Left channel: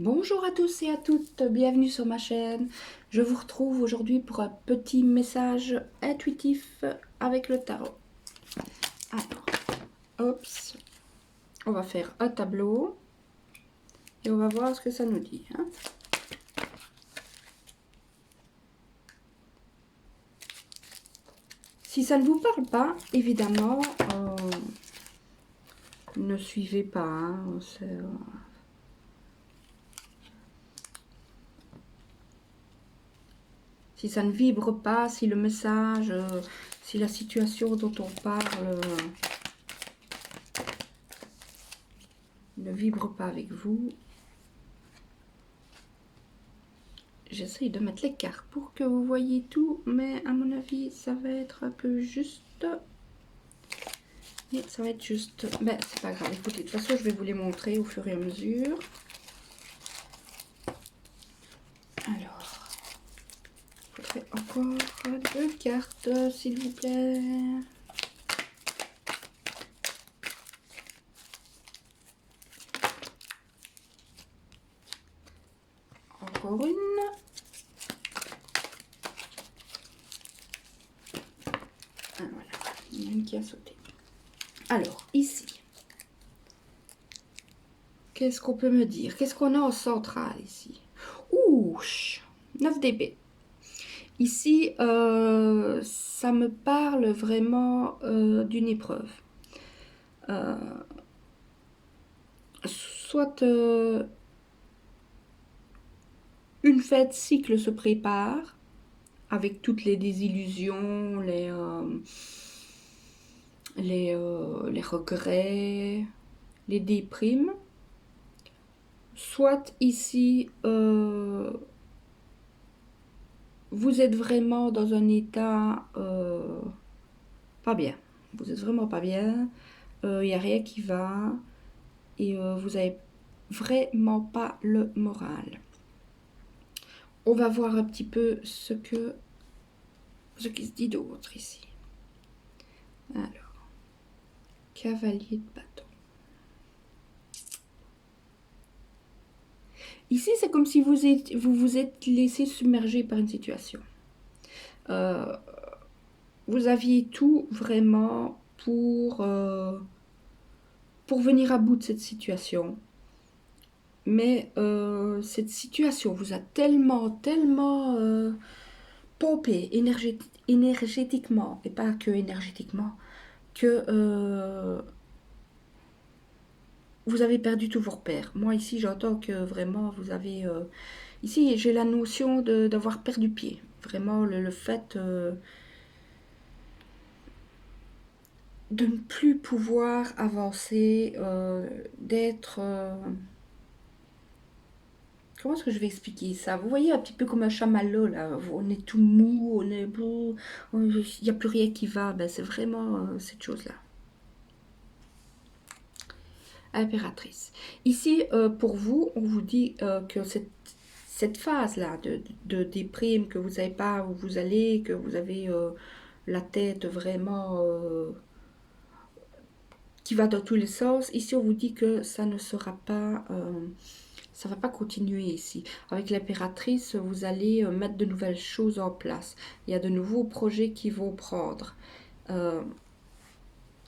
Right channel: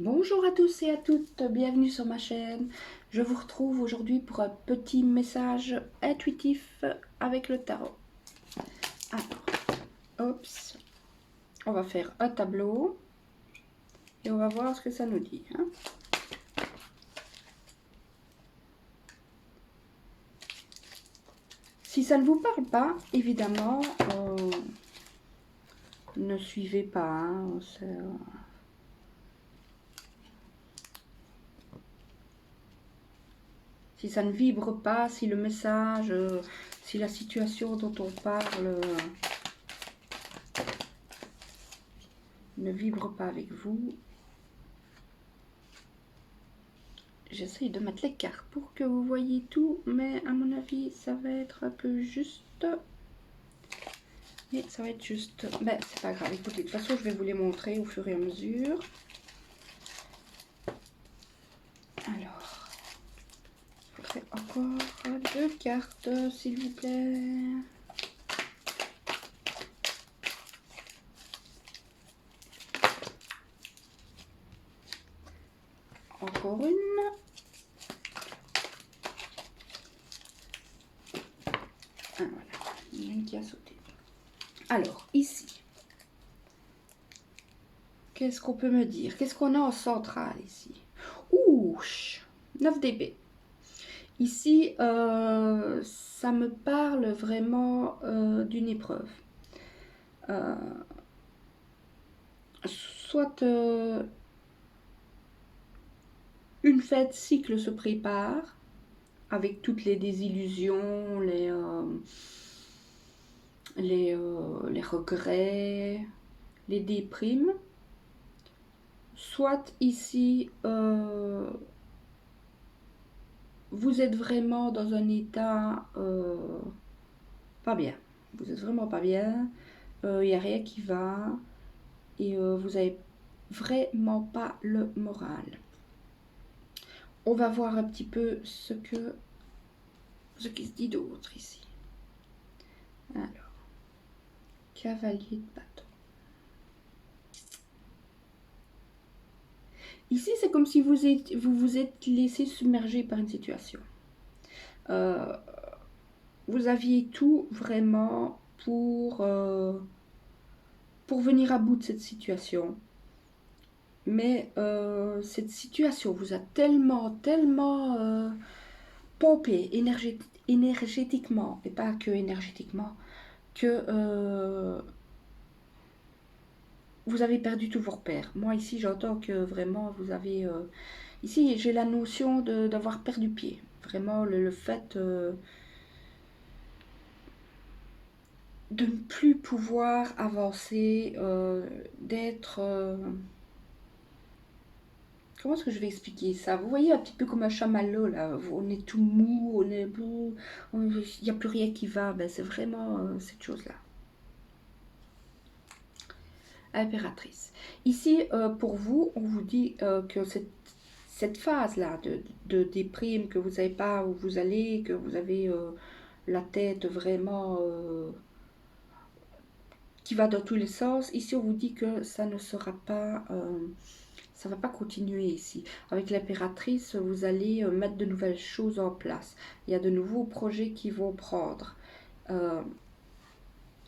Bonjour à tous et à toutes, bienvenue sur ma chaîne. Je vous retrouve aujourd'hui pour un petit message intuitif avec le tarot. Alors, on va faire un tableau et on va voir ce que ça nous dit. Si ça ne vous parle pas, évidemment, ne suivez pas. Si ça ne vibre pas, si le message, si la situation dont on parle ne vibre pas avec vous, j'essaye de mettre les cartes pour que vous voyez tout, mais à mon avis, ça va être un peu juste. Et ça va être juste. Ben, c'est pas grave. Écoutez, de toute façon, je vais vous les montrer au fur et à mesure. Alors, il faudrait encore deux cartes, s'il vous plaît. Encore une. Ah, voilà. Il y en a une qui a sauté. Alors, ici. Qu'est-ce qu'on peut me dire? Qu'est-ce qu'on a en central ici? Ouh, 9 dB. Ici, ça me parle vraiment d'une épreuve. Soit une fête cycle se prépare avec toutes les désillusions, les regrets, les déprimes. Soit ici, vous êtes vraiment dans un état pas bien. Vous êtes vraiment pas bien. Il n'y a rien qui va. Et vous n'avez vraiment pas le moral. On va voir un petit peu ce qui se dit d'autre ici. Alors, cavalier de bâton. Ici, c'est comme si vous vous êtes laissé submerger par une situation. Vous aviez tout vraiment pour venir à bout de cette situation. Mais cette situation vous a tellement pompé énergétiquement, et pas que énergétiquement, que vous avez perdu tous vos repères. Moi, ici, j'entends que vraiment, vous avez... ici, j'ai la notion d'avoir perdu pied. Vraiment, le fait de ne plus pouvoir avancer, d'être... comment est-ce que je vais expliquer ça? Vous voyez un petit peu comme un chamallow, là. On est tout mou, on est beau, il n'y a plus rien qui va. Ben, c'est vraiment cette chose-là. Impératrice. Ici, pour vous, on vous dit que cette phase-là de déprime, que vous savez pas où vous allez, que vous avez la tête vraiment qui va dans tous les sens, ici on vous dit que ça ne sera pas, ça va pas continuer ici. Avec l'impératrice, vous allez mettre de nouvelles choses en place. Il y a de nouveaux projets qui vont prendre.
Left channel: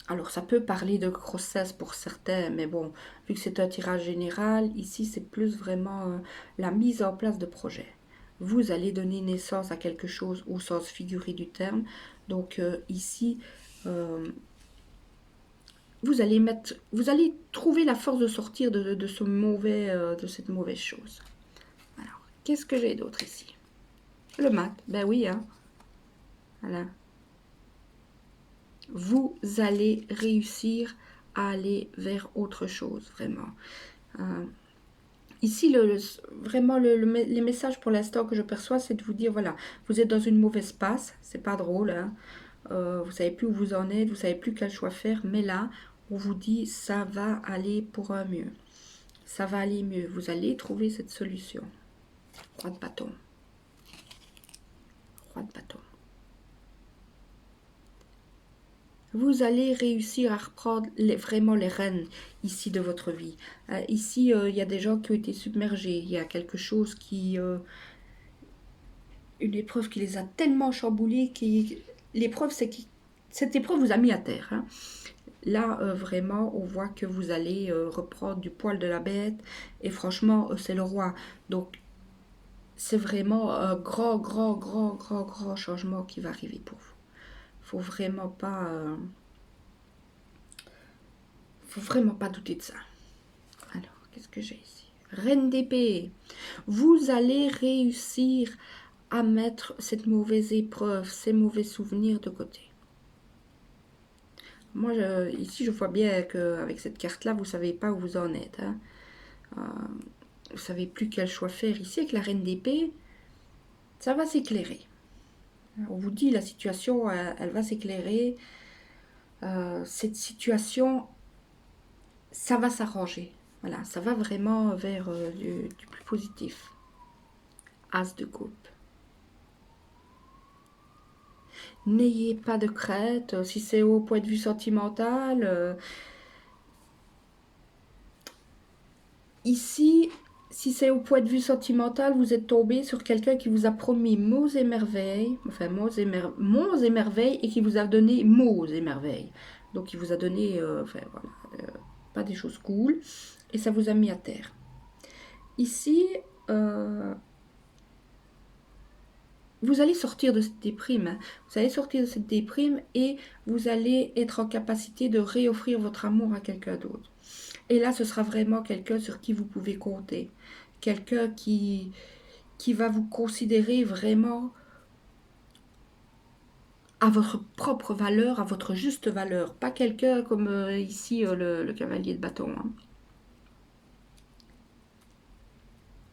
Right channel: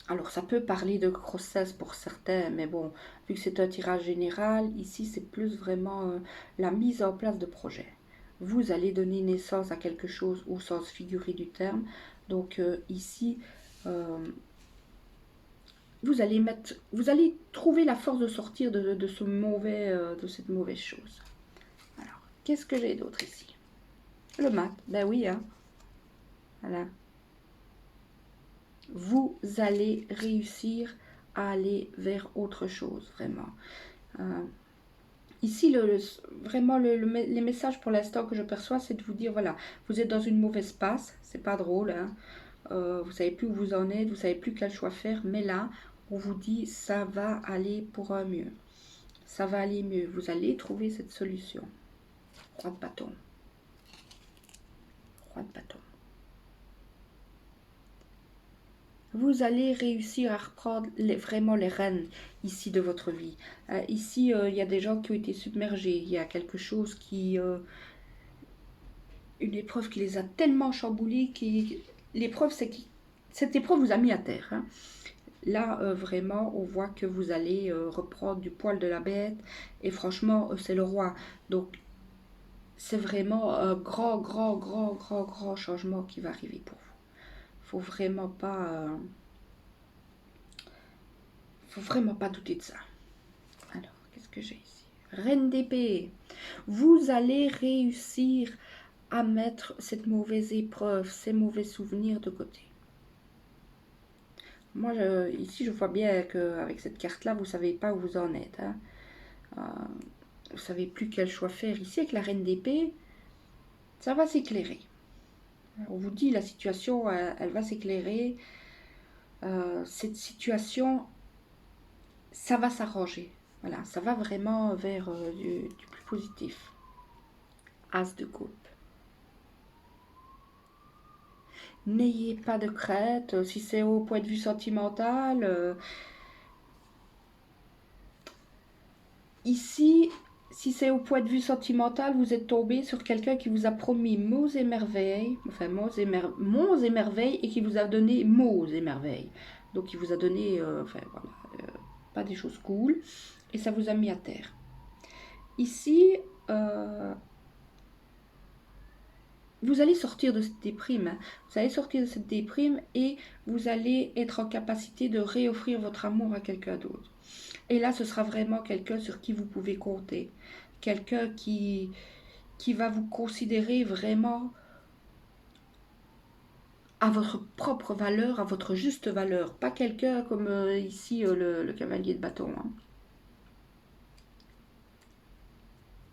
Alors, ça peut parler de grossesse pour certains, mais bon, vu que c'est un tirage général, ici, c'est plus vraiment la mise en place de projets. Vous allez donner naissance à quelque chose au sens figuré du terme. Donc, ici, vous allez trouver la force de sortir de ce mauvais, de cette mauvaise chose. Alors, qu'est-ce que j'ai d'autre ici? Le mat, ben oui, hein. Voilà. Vous allez réussir à aller vers autre chose, vraiment. Ici, vraiment, les messages pour l'instant que je perçois, c'est de vous dire, voilà, vous êtes dans une mauvaise passe, c'est pas drôle, hein. Vous savez plus où vous en êtes, vous savez plus quel choix faire, mais là, on vous dit, ça va aller pour un mieux. Ça va aller mieux, vous allez trouver cette solution. Roi de bâton. Roi de bâton. vous allez réussir à reprendre vraiment les rênes ici de votre vie. Ici, il y a des gens qui ont été submergés. Il y a quelque chose qui... une épreuve qui les a tellement chamboulés. L'épreuve, c'est que cette épreuve vous a mis à terre. Hein. Là, vraiment, on voit que vous allez reprendre du poil de la bête. Et franchement, c'est le roi. Donc, c'est vraiment un grand changement qui va arriver pour vous. Faut vraiment pas... faut vraiment pas douter de ça. Alors, qu'est-ce que j'ai ici? Reine d'épée. Vous allez réussir à mettre cette mauvaise épreuve, ces mauvais souvenirs de côté. Moi, ici, je vois bien qu'avec cette carte-là, vous ne savez pas où vous en êtes. Hein. Vous ne savez plus quel choix faire. Ici, avec la reine d'épée, ça va s'éclairer. On vous dit, la situation, elle va s'éclairer. Cette situation, ça va s'arranger. Voilà, ça va vraiment vers du plus positif. As de coupe. N'ayez pas de crainte, si c'est au point de vue sentimental. Ici, si c'est au point de vue sentimental, vous êtes tombé sur quelqu'un qui vous a promis mots et merveilles, enfin monts et merveilles, et qui vous a donné mots et merveilles. Donc il vous a donné, enfin voilà, pas des choses cool, et ça vous a mis à terre. Ici, vous allez sortir de cette déprime. Hein. Vous allez sortir de cette déprime et vous allez être en capacité de réoffrir votre amour à quelqu'un d'autre. Et là, ce sera vraiment quelqu'un sur qui vous pouvez compter. Quelqu'un qui va vous considérer vraiment à votre propre valeur, à votre juste valeur. Pas quelqu'un comme ici le cavalier de bâton. Hein.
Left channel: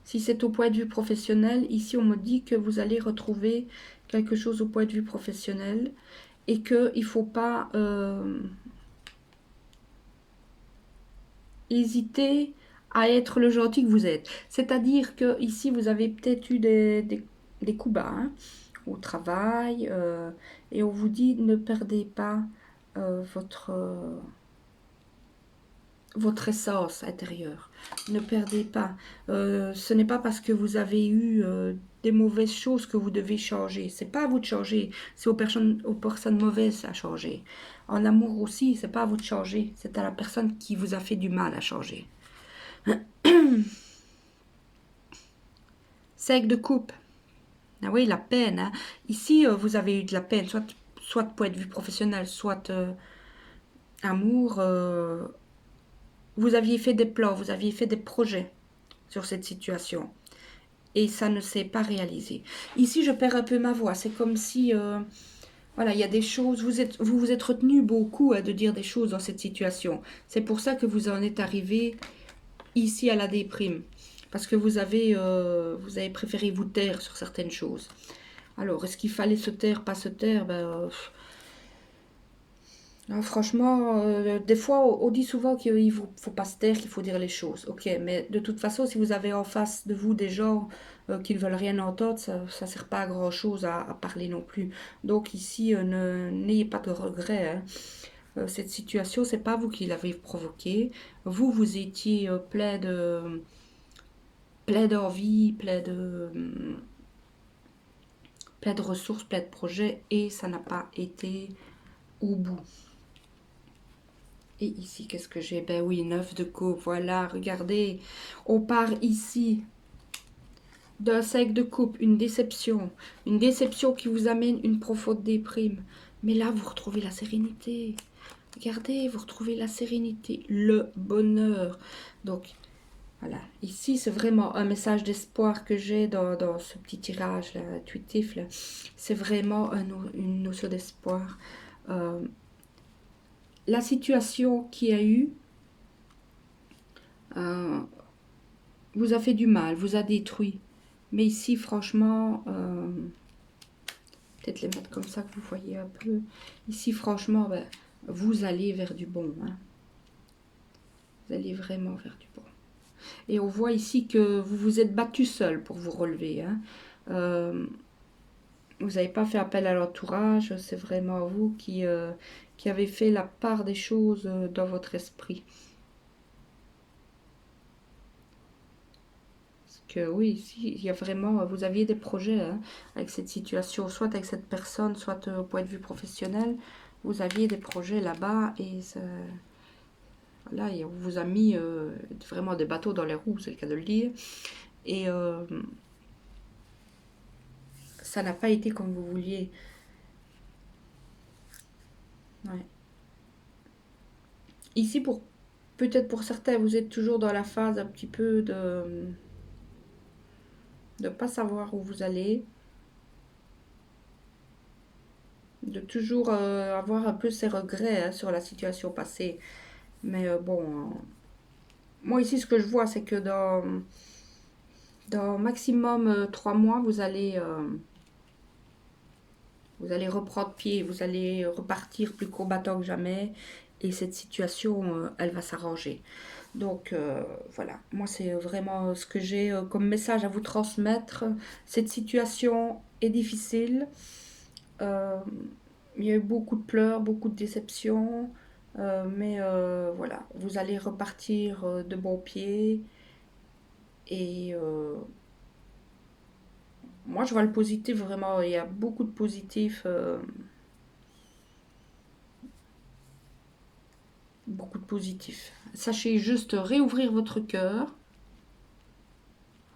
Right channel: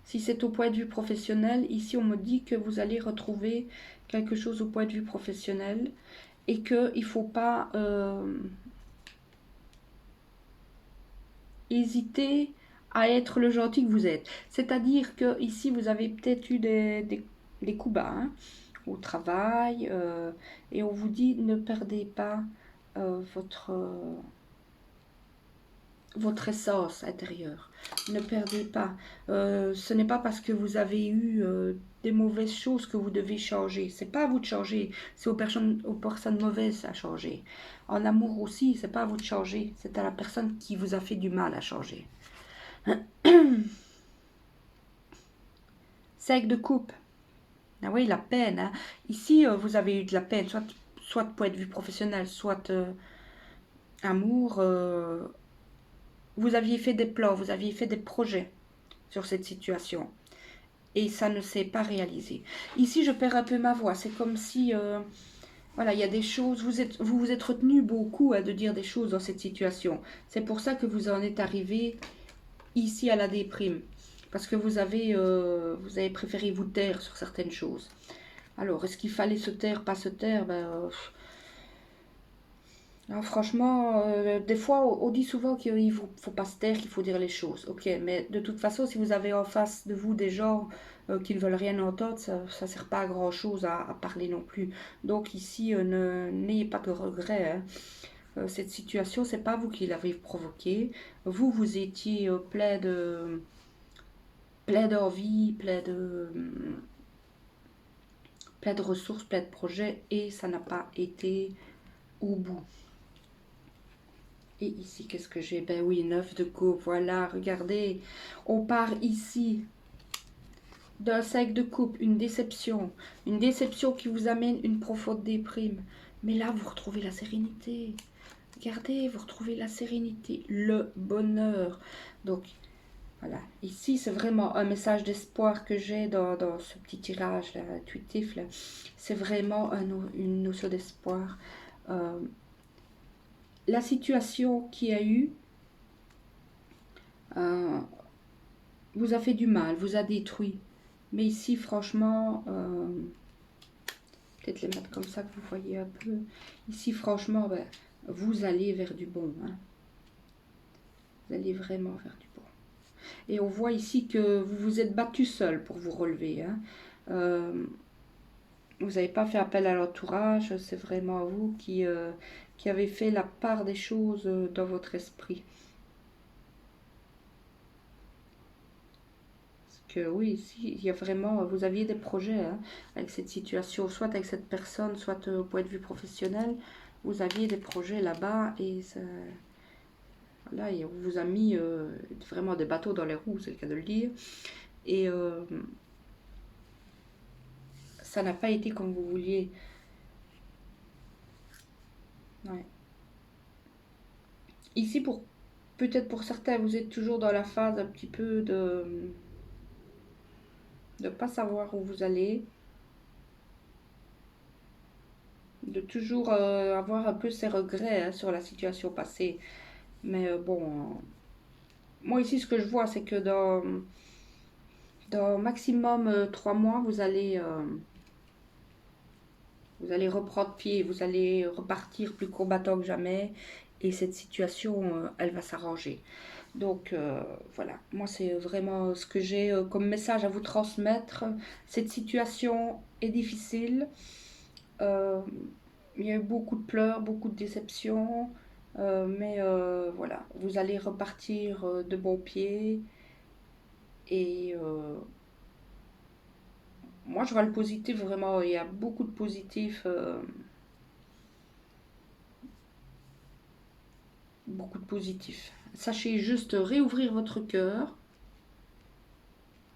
Si c'est au point de vue professionnel, ici on me dit que vous allez retrouver quelque chose au point de vue professionnel et qu'il ne faut pas hésiter à être le gentil que vous êtes. C'est-à-dire que ici vous avez peut-être eu des coups bas hein, au travail et on vous dit ne perdez pas votre essence intérieure. Ne perdez pas. Ce n'est pas parce que vous avez eu des mauvaises choses que vous devez changer. C'est pas à vous de changer. C'est aux personnes mauvaises à changer. En amour aussi, c'est pas à vous de changer. C'est à la personne qui vous a fait du mal à changer. 5 de coupe. Ah oui, la peine. Hein. Ici, vous avez eu de la peine, soit de point de vue professionnel, soit amour. Vous aviez fait des plans, vous aviez fait des projets sur cette situation. Et ça ne s'est pas réalisé. Ici, je perds un peu ma voix. C'est comme si, voilà, il y a des choses, vous vous êtes retenu beaucoup de dire des choses dans cette situation. C'est pour ça que vous en êtes arrivé ici à la déprime. Parce que vous avez préféré vous taire sur certaines choses. Alors, est-ce qu'il fallait se taire, pas se taire non, franchement, des fois, on dit souvent qu'il ne faut pas se taire, qu'il faut dire les choses. Ok, mais de toute façon, si vous avez en face de vous des gens qui ne veulent rien entendre, ça ne sert pas à grand-chose à parler non plus. Donc ici, n'ayez pas de regrets. Hein. Cette situation, c'est pas vous qui l'avez provoquée. Vous étiez plein d'envie, plein de ressources, plein de projets, et ça n'a pas été au bout. Et ici, qu'est-ce que j'ai? Ben oui, 9 de coupe, voilà, regardez. On part ici d'un 5 de coupe, une déception. Une déception qui vous amène une profonde déprime. Mais là, vous retrouvez la sérénité. Regardez, vous retrouvez la sérénité, le bonheur. Donc, voilà. Ici, c'est vraiment un message d'espoir que j'ai dans ce petit tirage là, intuitif. Là. C'est vraiment une notion d'espoir. La situation qu'il y a eu vous a fait du mal, vous a détruit. Mais ici, franchement, peut-être les mettre comme ça que vous voyez un peu. Ici, franchement, ben, vous allez vers du bon. Hein. Vous allez vraiment vers du bon. Et on voit ici que vous vous êtes battu seul pour vous relever. Hein. Vous n'avez pas fait appel à l'entourage, c'est vraiment vous qui qui avez fait la part des choses dans votre esprit. Parce que oui, ici, il y a vraiment, vous aviez des projets hein, avec cette situation, soit avec cette personne, soit au point de vue professionnel, vous aviez des projets là-bas et ça, là, on vous a mis vraiment des bateaux dans les roues, c'est le cas de le dire. Et ça n'a pas été comme vous vouliez. Ouais. Ici, peut-être pour certains, vous êtes toujours dans la phase un petit peu de ne pas savoir où vous allez, de toujours avoir un peu ces regrets hein, sur la situation passée. Mais bon, moi ici, ce que je vois, c'est que dans maximum 3 mois, vous allez reprendre pied, vous allez repartir plus combattant que jamais et cette situation, elle va s'arranger. Donc voilà, moi c'est vraiment ce que j'ai comme message à vous transmettre. Cette situation est difficile. Euh, il y a eu beaucoup de pleurs, beaucoup de déceptions. Mais voilà, vous allez repartir de bon pied. Et moi je vois le positif vraiment. Il y a beaucoup de positifs. Beaucoup de positifs. Sachez juste réouvrir votre cœur,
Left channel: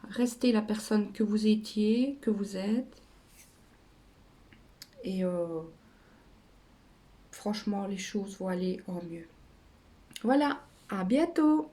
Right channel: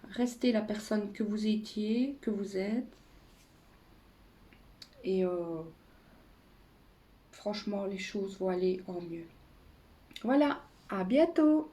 rester la personne que vous étiez, que vous êtes, et franchement, les choses vont aller en mieux. Voilà, à bientôt!